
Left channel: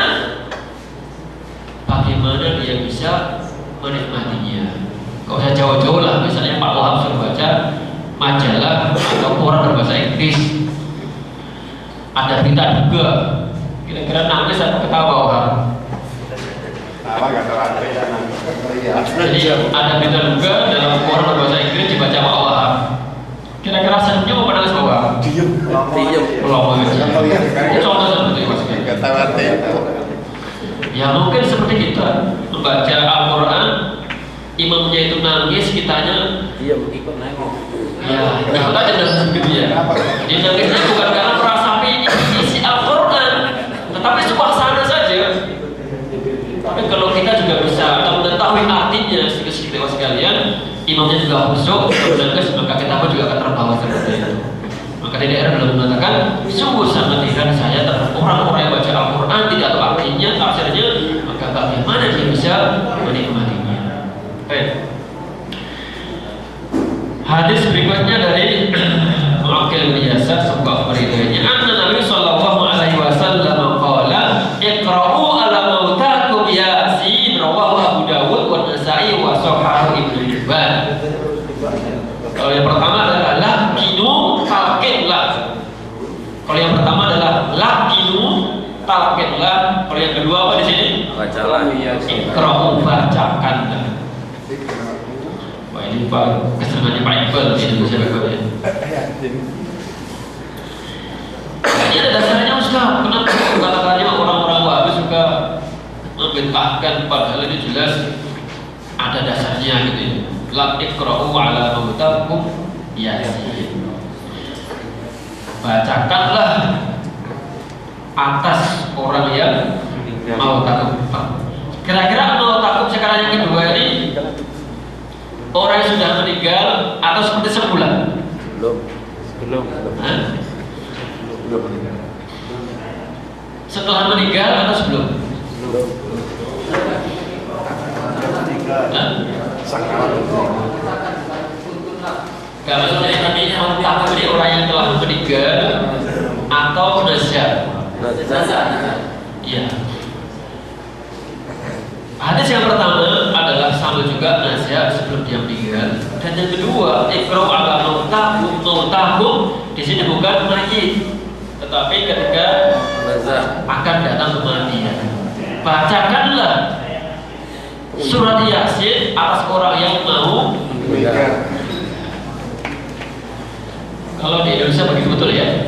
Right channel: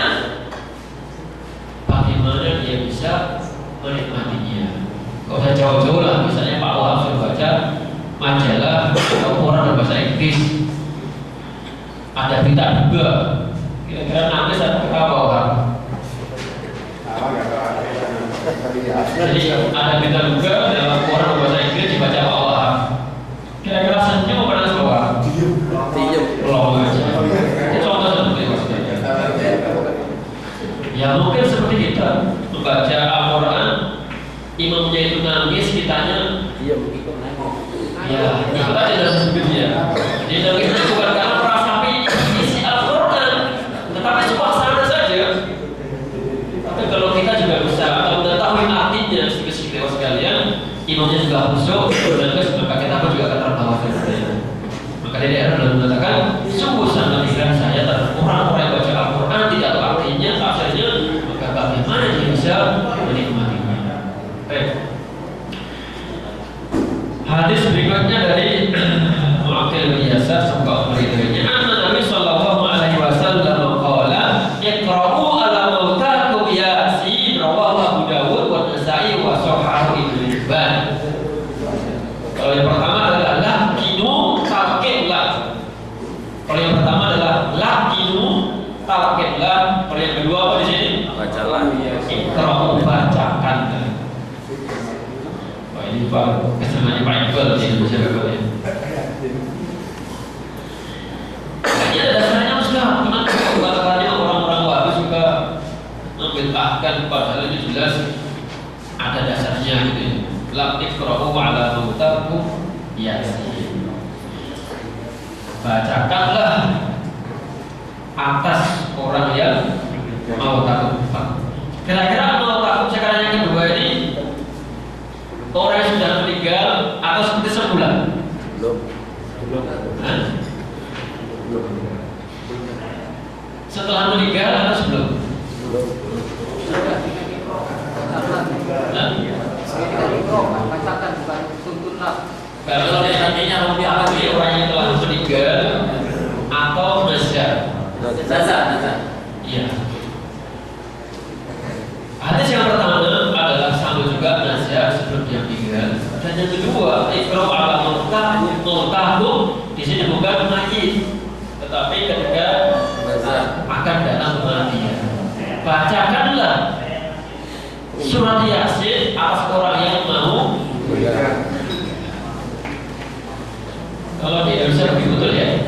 bagaimana dia bisa menikmatinya. Kok saya jauh-jauh lah, misalnya Pak Wahab sudah baca majalah atau koran berbahasa Inggris, ada berita juga, kira-kira nangis atau ketawa Wahab? Apa nggak terlalu Jadi ada berita juga dalam koran berbahasa Inggris dibaca Pak Wahab. Kira-kira senyum apa nangis Pak Wahab? Diem. Belum aja. Contoh seperti itu. Ya mungkin seperti kita membaca Al-Quran, imamnya itu nangis, kitanya Diem, ikut nangis. ya ikut aja dalam sempit ya. Dia nangisnya bukan karena merasapi isi Al-Quran, tetapi suasana saja. Tapi kalau kita juga bisa atau mengetahui artinya sedikit-sedikit sekalian, imamnya juga khusyuk, nangis, maka kita pun juga akan terbawa seperti itu. Maka di daerah belum mengatakan sungguh sangat heran saya terhadap orang-orang yang baca Al-Quran tidak tahu artinya, tafsirnya, maka bagaimana dia bisa menikmatinya. Baik. Hadis berikutnya dari Mu'aqqil bin Yasar sebuah beritanya, anna Nabi sallallahu alaihi wasallam qala iqra'u ala mautakum Yasin, rawahu Abu Dawud wa Nasa'i wa Shahahu Ibnu Hibban. Kalau yang pertama adalah lakinu talqinlah. Kalau yang pertama adalah lakinu talqinlah. Kalau yang kedua apa di sini? Bacalah. Iqra'u, bacakan. Wah ini Pak kesenangannya Pak Iqbal di Indonesia Bapak. Ini ada dasarnya Ustaz. Kenapa kata-katanya orang-orang Wahabi suka membid'ahkan padahal itu jelas ada dasarnya gitu. La iqra'u ala mautakum Yasin. Bacakanlah atas orang yang mau takut. Kira-kira mau takut sekarang yang kedua ini orang yang sudah meninggal atau seperti semula? Belum. Hah? Setelah meninggal atau sebelum? Hah? Kalau artinya mengakui orang yang telah meninggal atau nazar. Iya. Hadis yang pertama adalah sama juga nazar sebelum dia meninggal, dan yang kedua iqra'u ala mautakum di sini bukan mayit, tetapi ketika akan datang kematian. Bacakanlah surat Yasin atas orang yang mau. Kalau di Indonesia begitu betul ya?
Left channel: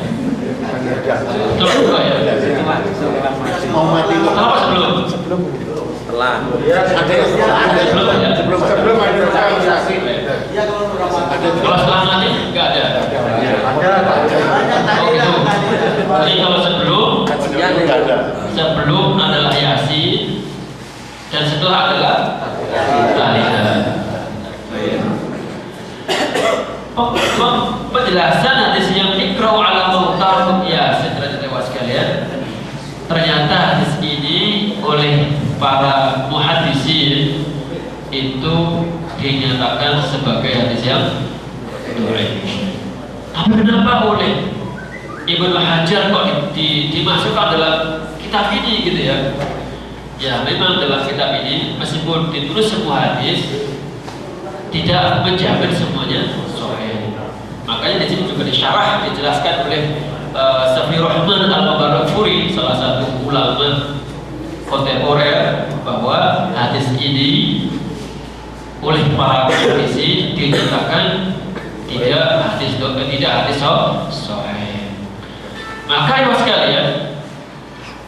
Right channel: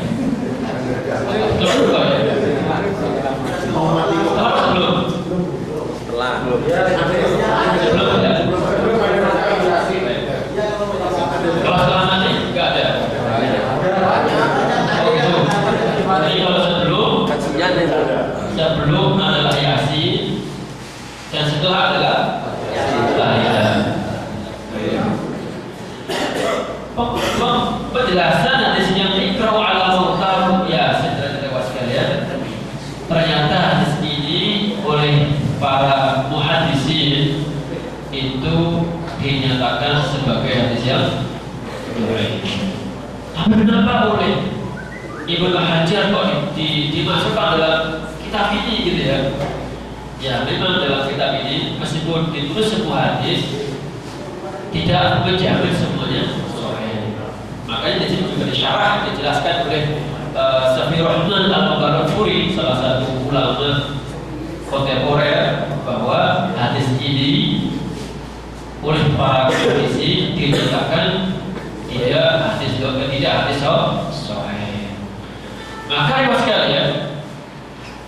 Betul juga ya? Kalau sebelum? Setelah. Sebelum ya? Sebelum ada Kalau setelah mati nggak ada. Oh gitu. Jadi kalau sebelum adalah Yasin dan setelah adalah Al-Ilah. Penjelasan hadis yang iqra'u ala mautakum Yasin, teman-teman sekalian. Ternyata hadis ini oleh para muhaddisin itu dinyatakan sebagai hadis yang dhaif. Tapi kenapa oleh Ibnu Hajar kok dimasukkan dalam kitab ini gitu ya? Ya memang dalam kitab ini meskipun ditulis semua hadis tidak menjamin semuanya sahih. Makanya di sini juga disyarah dijelaskan oleh Safiyur Rahman Al-Mubarakfuri, salah satu ulama kontemporer, bahwa hadis ini oleh para muhaddisin dinyatakan tidak hadis sahih. Maka ibu sekalian,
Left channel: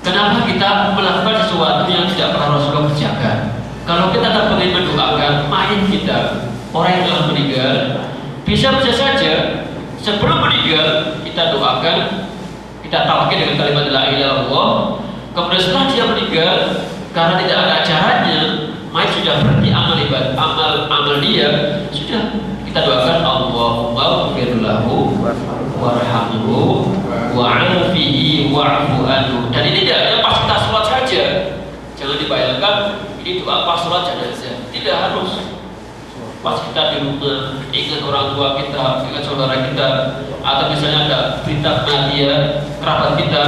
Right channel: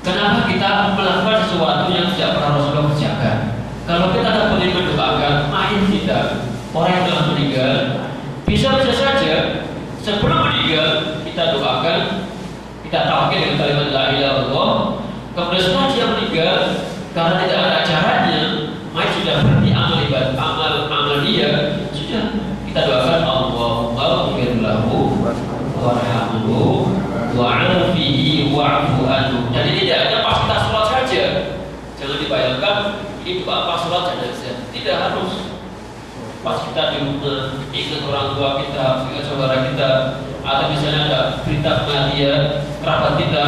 kenapa kita melakukan sesuatu yang tidak pernah Rasulullah kerjakan? Kalau kita tak boleh mendoakan mayit kita, orang yang telah meninggal, bisa saja sebelum meninggal kita doakan, kita talqin dengan kalimat la ilaha illallah. Kemudian setelah dia meninggal, karena tidak ada caranya, mayit sudah berhenti amal dia, sudah kita doakan Allahumma ighfir lahu warhamhu wa'afihi wa'fu anhu. Dan ini tidak hanya pas kita sholat saja. Jangan dibayangkan ini doa pas sholat jenazah. Tidak harus. Pas kita di rumah ingat orang tua kita, ingat saudara kita, atau misalnya ada berita kematian kerabat kita,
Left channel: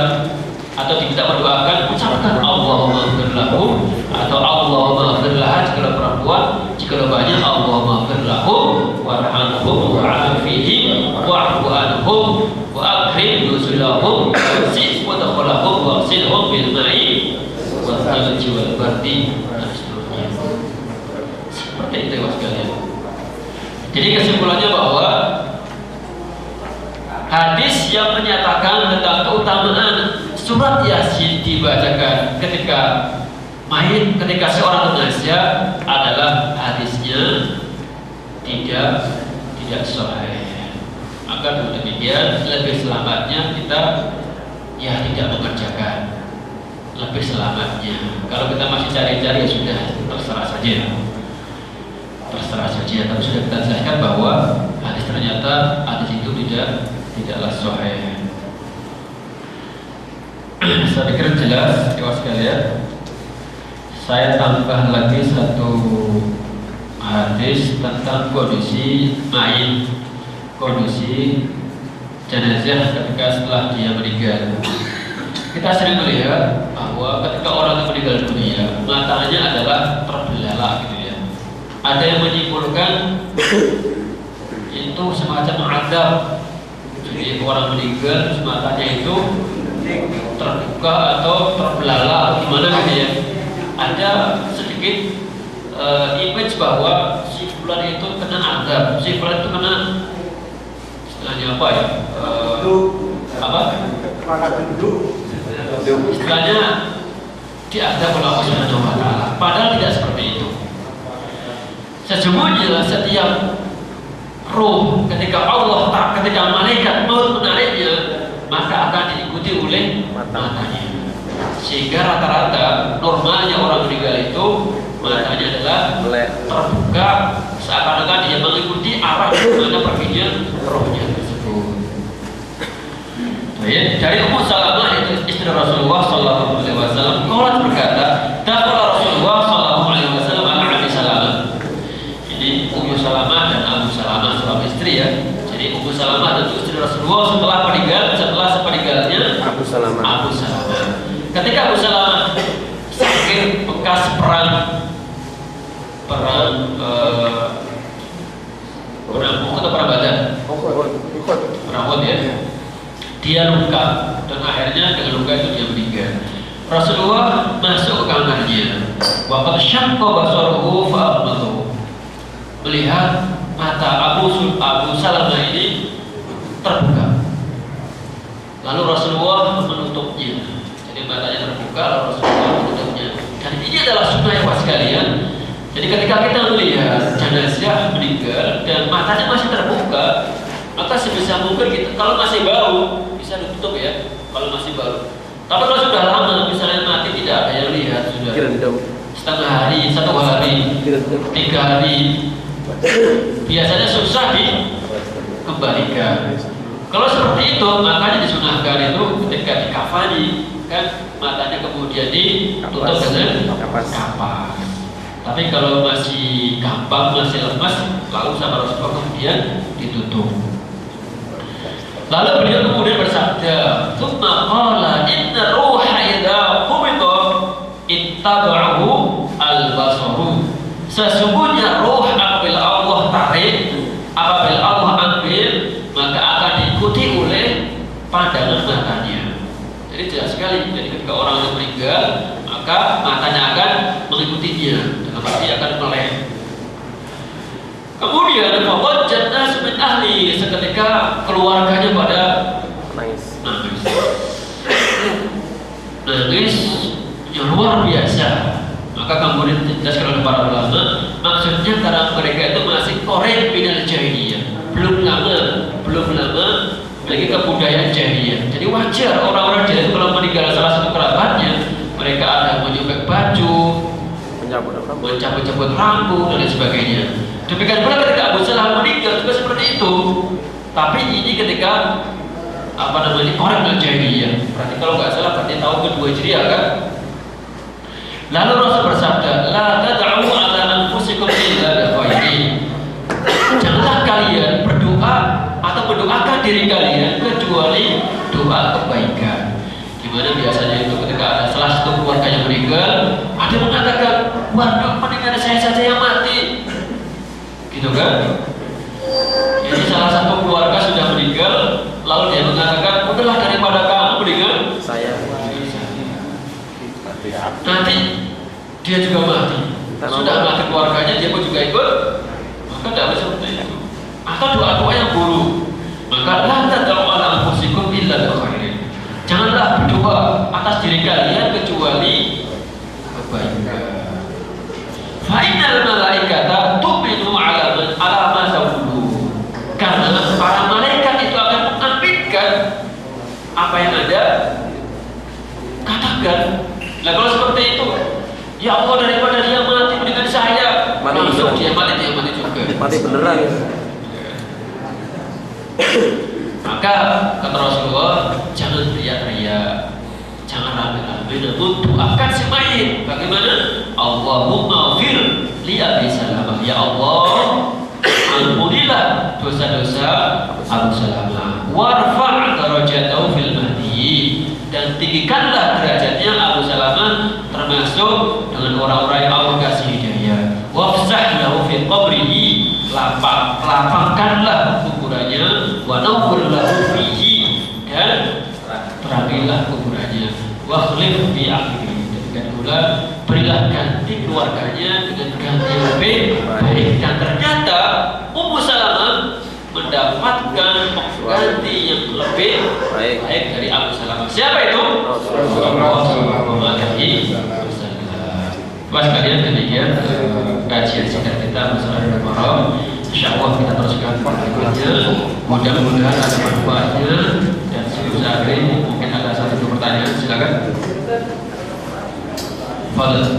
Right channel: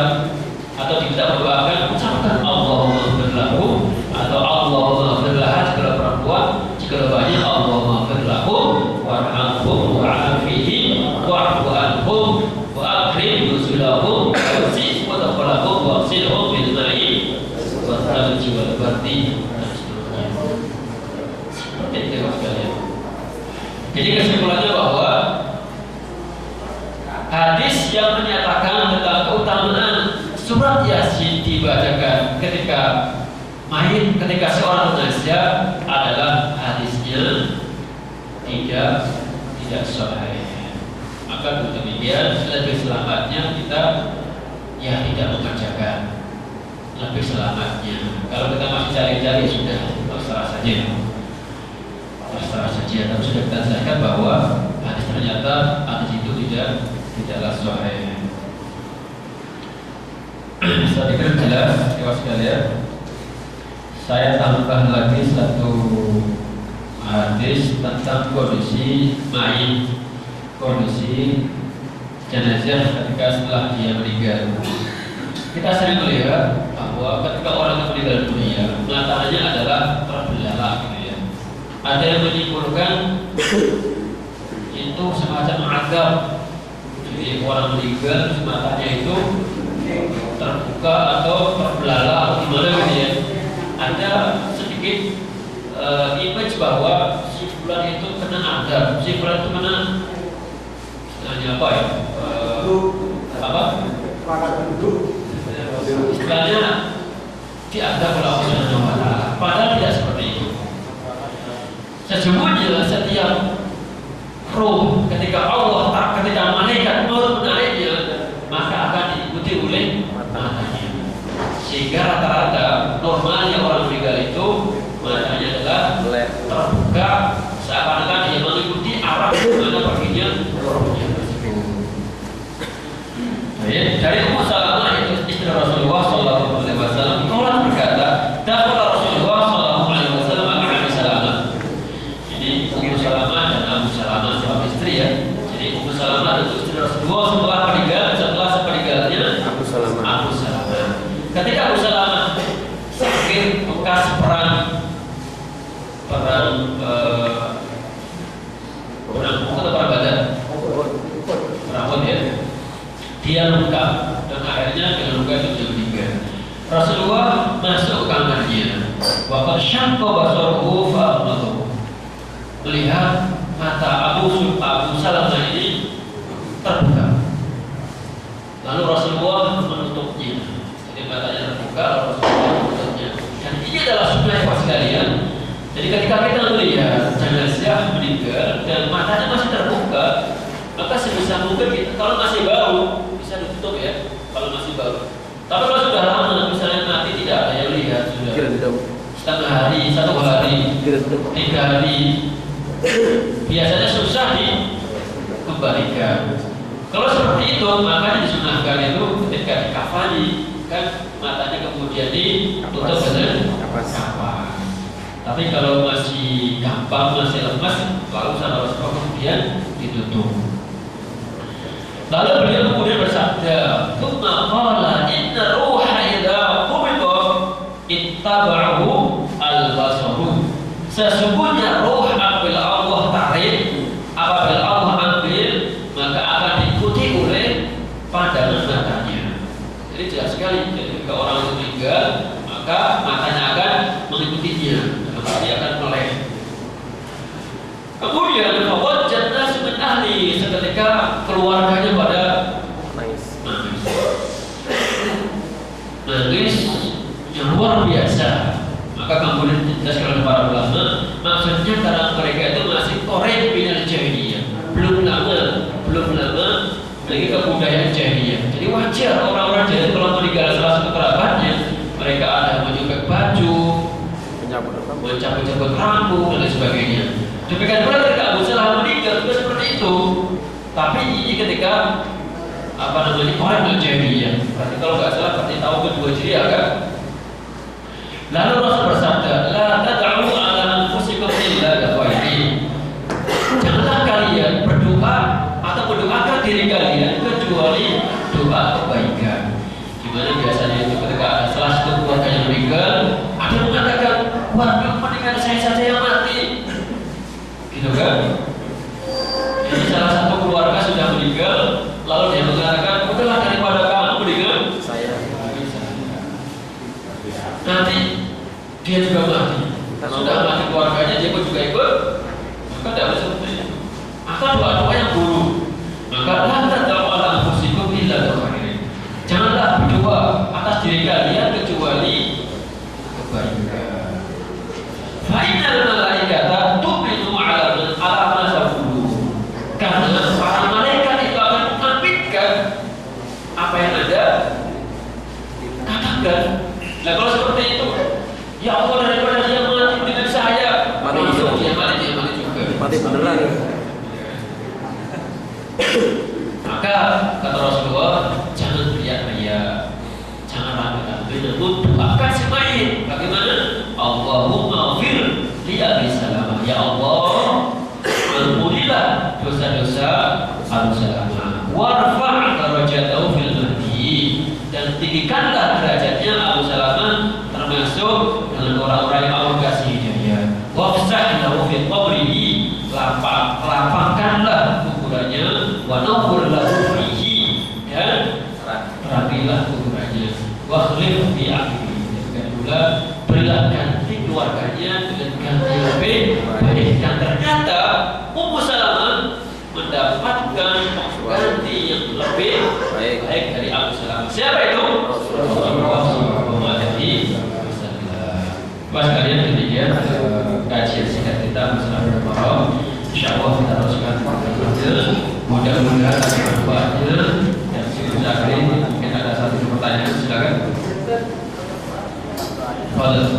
atau kita berdoakan, ucapkan Allahumma ighfir lahu atau Allahumma ighfir laha jika perempuan, jika banyak Allahumma ighfir lahu warhamhum wa'afihim wa'fu anhum wa akrim nusulahum wasi' wa dakhalahum wa'silhum bil ma'i wa thalji wal bardi dan seterusnya. Seperti itu sekalian. Jadi kesimpulannya bahwa hadis yang menyatakan tentang keutamaan surat Yasin dibacakan ketika mayit, ketika seorang jenazah adalah hadisnya tidak sahih. Maka dengan demikian lebih selamatnya kita tidak mengerjakan. Lebih selamatnya. Kalau kita masih cari-cari sudah terserah saja. Tapi sudah kita jelaskan bahwa hadis ternyata hadis itu tidaklah sahih. Saya pikir jelas, ikhwan sekalian. Saya tambah lagi satu hadis tentang kondisi mayit, kondisi jenazah ketika setelah dia meninggal. Kita sering melihat bahwa ketika orang itu meninggal dunia, matanya adalah terbelalak gitu ya. Ada yang menyimpulkan itu semacam azab. Jadi orang meninggal matanya itu terbuka atau terbelalak atau gimana gitu ya. Ada sedikit image bahwa si fulan itu kena azab, si fulan itu kena istilahnya apa ya? Istilahnya diazab oleh Allah Subhanahu wa taala. Padahal tidak seperti itu. Sesungguhnya setiap roh ketika malaikat maut menariknya, maka akan diikuti oleh matanya. Sehingga rata-rata normalnya orang meninggal itu matanya adalah terbuka, seakan-akan dia mengikuti arah mana perginya rohnya tersebut. Dari Ummu Salamah itu istri Rasulullah Sallallahu Alaihi Wasallam, Allah berkata, "Dakhala Rasulullah Sallallahu Alaihi Wasallam ala Abi Salamah." Jadi Ummu Salamah dan Abu Salamah suami istri ya. Jadi Ummu Salamah itu istri Rasulullah setelah sepeninggalnya Abu Salamah. Ketika Abu Salamah sakit bekas perang Badar, perang Uhud ya. Dia luka dan akhirnya dengan luka itu dia meninggal. Rasulullah masuk ke kamarnya. Wa qad syaqqa basaruhu fa aghmadahu. Melihat mata Abu Salamah ini terbuka. Lalu Rasulullah menutupnya. Jadi matanya terbuka, lalu Rasulullah menutupnya. Dan ini adalah sunnah yang sekalian. Jadi ketika kita melihat jenazah meninggal dan matanya masih terbuka, maka sebisa mungkin kita, kalau masih baru bisa ditutup ya, kalau masih baru. Tapi kalau sudah lama, misalnya mati tidak ada yang lihat, sudah setengah hari, 1 hari, 3 hari, biasanya susah dikembalikan. Kalau seperti itu, makanya disunahkan itu ketika dikafani, kan matanya kemudian ditutup dengan kapas. Tapi kalau masih gampang, masih lemas, lalu sama Rasulullah kemudian ditutup. Lalu beliau kemudian bersabda, "Tsumma qala inna ruha idza qubida ittaba'ahu al-basaru." Sesungguhnya roh apabila Allah tarik, apabila Allah ambil, maka akan diikuti oleh pandangan matanya. Jadi jelas sekali, jadi ketika orang itu meninggal, maka matanya akan mengikutinya, dalam arti akan melek. Kemudian wajad nas min ahli, seketika keluarganya pada nangis yang luar biasa. Maka kemudian dijelaskan oleh para ulama, maksudnya karena mereka itu masih korek minal jahiliyah, belum lama lagi kebudayaan jahiliyah. Jadi wajar orang-orang jahiliyah kalau meninggal salah satu kerabatnya, mereka ada menyobek baju, mencabut-cabut rambut dan lain sebagainya. Demikian pula ketika Abu Salamah meninggal juga seperti itu. Tapi ini ketika orang jahiliyah. Berarti kalau nggak salah berarti tahun ke-2 Hijriah kan. Lalu Rasul bersabda, "La tad'u 'ala anfusikum meninggal, ada yang mengatakan, waduh, mendingan saya saja yang mati, gitu kan? Jadi salah satu keluarga sudah meninggal, lalu dia mengatakan, udahlah daripada kamu mendingan Saya. nanti dia juga mati. Sudah mati keluarganya, dia pun juga ikut. Maka tidak bisa seperti itu. Atau doa-doa yang buruk. Maka la tad'u ala anfusikum illa khairin. Janganlah berdoa atas diri kalian kecuali kebaikan. Fa innal malaikata tu'minu ala ma taqulu. Karena para malaikat itu akan mengaminkan apa yang ada. Katakan. Nah kalau seperti itu, ya Allah, daripada dia mati dengan saya, masuk dia mati juga. Mati beneran. Maka kata Rasulullah, jangan riak-riak, jangan rame-rame, namun doakan si mayit. Bagaimana? Allahumma fir li Abi Salamah. Ya Allah, ampunilah dosa-dosa Abu Salamah. Warfa' darajatahu fil mahdi, dan tinggikanlah derajatnya Abu Salamah termasuk dengan orang-orang yang Allah kasih hidayah. Wafsah lahu fi qabrihi, lapangkanlah kuburannya. Wa nawwir lahu fihi, dan terangilah kuburannya. Wa khlif fi akhiri, dan pula berilah ganti keluarganya dengan ganti yang lebih baik. Dan ternyata Ummu Salamah mendapatkan ganti yang lebih baik dari Abu Salamah. Siapa itu? Rasulullah SAW. Mas kalian demikian kajian singkat kita masalah Al-Qur'an. Insyaallah kita teruskan berikutnya. Mudah-mudahan ada manfaatnya. Dan sebelum hari mungkin ada satu pertanyaan, silakan. Fadhil.